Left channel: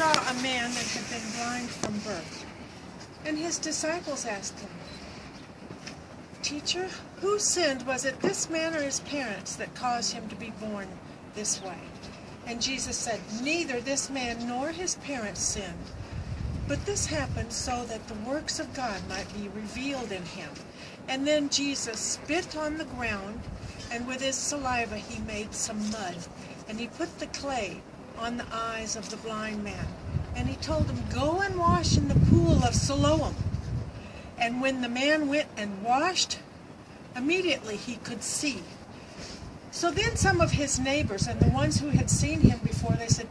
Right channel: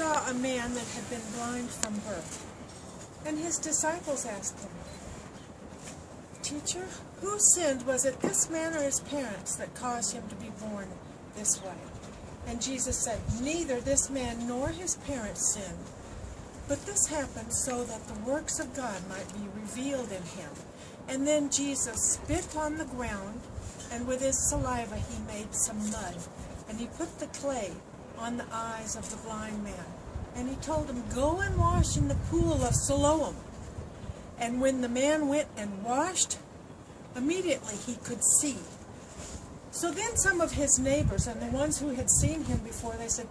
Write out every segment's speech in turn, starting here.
saw a man that had been blind from birth. And his disciples asked him, "Teacher, who sinned? Was it this man or his parents that caused him to be born this way?" And Jesus said, "Neither this man nor his parents sinned, but this happened so that the works of God might be revealed in him." And then Jesus spit on the ground, and with his saliva he made some mud, and he put the clay on the eyes of the blind man. And he told him, "Go and wash in the pool of Siloam." And when the man went and washed, immediately he could see. So then some of his neighbors and the ones who had seen him before, they said,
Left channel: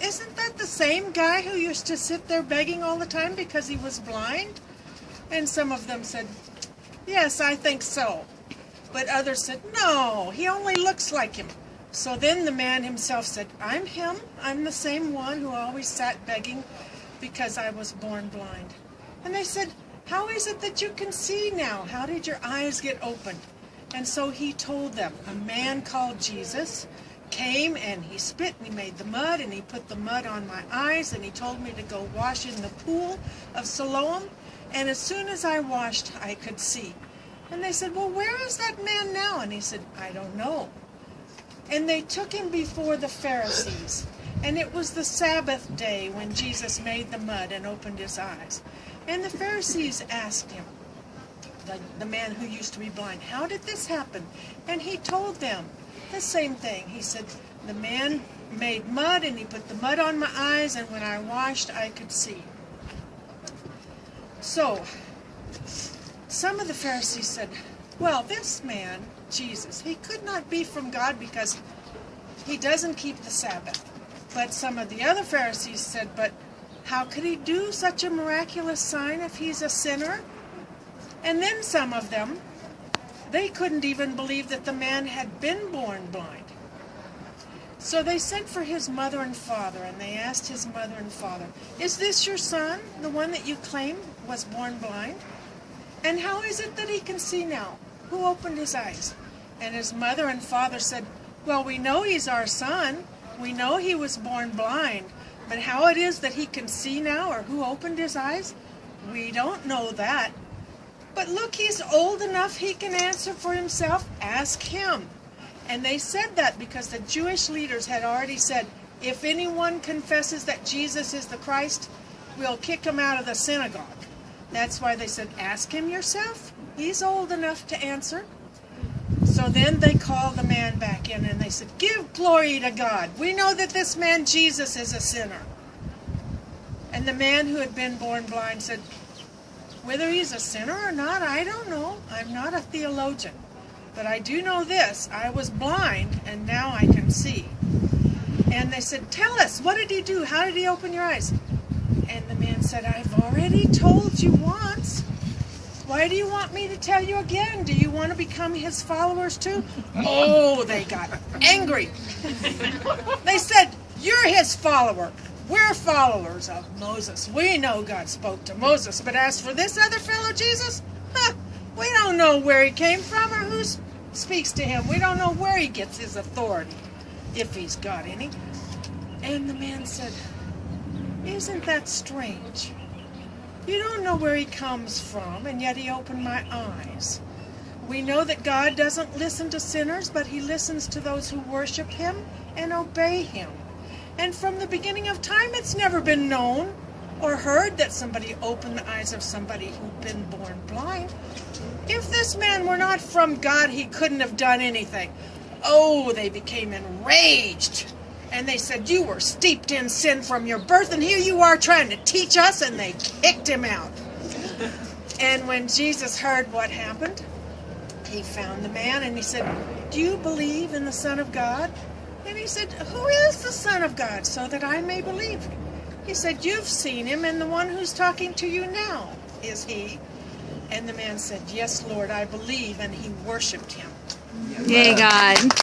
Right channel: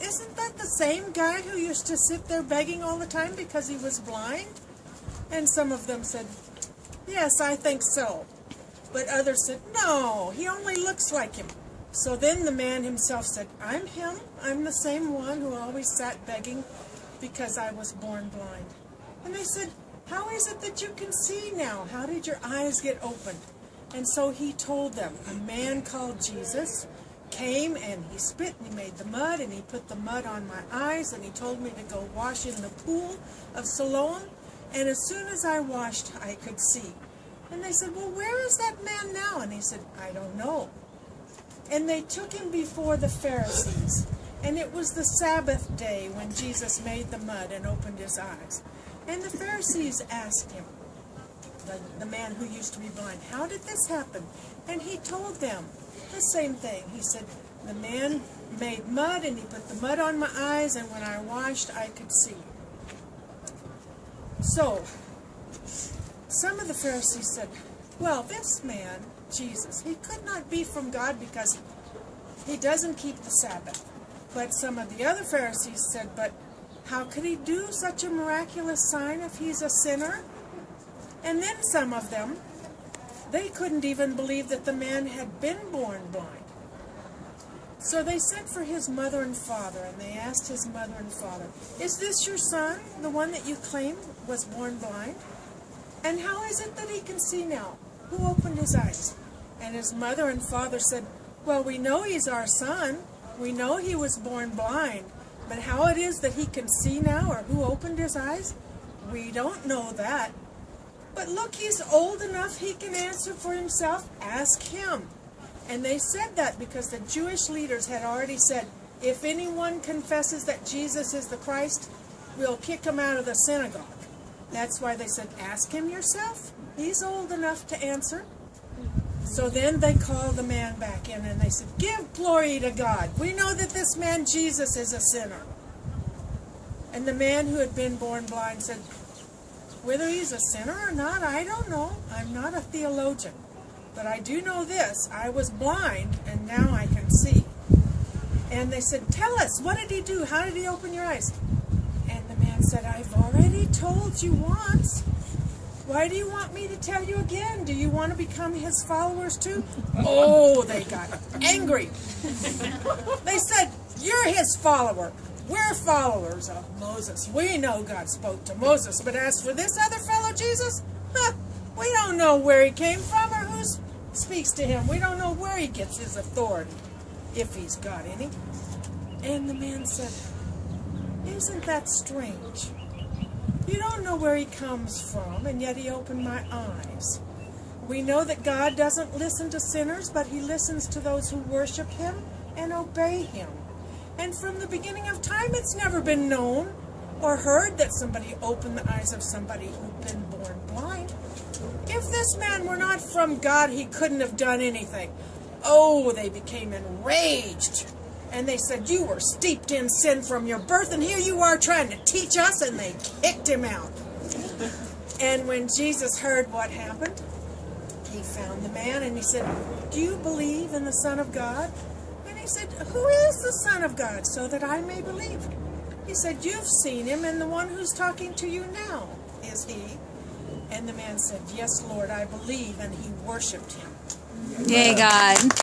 "Isn't that the same guy who used to sit there begging all the time because he was blind?" And some of them said, "Yes, I think so." But others said, "No, he only looks like him." So then the man himself said, "I'm him. I'm the same one who always sat begging because I was born blind." And they said, "How is it that you can see now? How did your eyes get opened?" And so he told them, "A man called Jesus came and he spit and he made the mud and he put the mud on my eyes and he told me to go wash in the pool of Siloam. And as soon as I washed, I could see." And they said, "Well, where is that man now?" And he said, "I don't know." And they took him before the Pharisees. And it was the Sabbath day when Jesus made the mud and opened his eyes. And the Pharisees asked him, the man who used to be blind, "How did this happen?" And he told them the same thing. He said, "The man made mud and he put the mud on my eyes, and when I washed, I could see." So some of the Pharisees said, "Well, this man, Jesus, he could not be from God because he doesn't keep the Sabbath." But some of the other Pharisees said, "But how could he do such a miraculous sign if he's a sinner?" And then some of them, they couldn't even believe that the man had been born blind. So they sent for his mother and father, and they asked his mother and father, "Is this your son, the one that you claim was born blind? And how is it that he can see now? Who opened his eyes?" And his mother and father said, "Well, we know he's our son. We know he was born blind. But how it is that he can see now, or who opened his eyes, we don't know that. But look, he's old enough he can answer for himself. Ask him." And they said that because the Jewish leaders had already said, "If anyone confesses that Jesus is the Christ, we'll kick him out of the synagogue." That's why they said, "Ask him yourself. He's old enough to answer." So then they called the man back in and they said, "Give glory to God. We know that this man Jesus is a sinner." And the man who had been born blind said, "Whether he's a sinner or not, I don't know. I'm not a theologian. But I do know this. I was blind and now I can see." And they said, "Tell us, what did he do? How did he open your eyes?" And the man said, "I've already told you once. Why do you want me to tell you again? Do you want to become his followers too?" Oh, they got angry. They said, "You're his follower. We're followers of Moses. We know God spoke to Moses. But as for this other fellow, Jesus, we don't know where he came from or who speaks to him. We don't know where he gets his authority, if he's got any." And the man said, "Isn't that strange? You don't know where he comes from, and yet he opened my eyes. We know that God doesn't listen to sinners, but he listens to those who worship him and obey him. And from the beginning of time, it's never been known or heard that somebody opened the eyes of somebody who'd been born blind. If this man were not from God, he couldn't have done anything." Oh, they became enraged. And they said, "You were steeped in sin from your birth, and here you are trying to teach us," and they kicked him out. And when Jesus heard what happened, he found the man and he said, "Do you believe in the Son of God?" And he said, "Who is the Son of God, so that I may believe?" He said, "You've seen him, and the one who's talking to you now is he." And the man said, "Yes, Lord, I believe," and he worshipped him. Yay, God.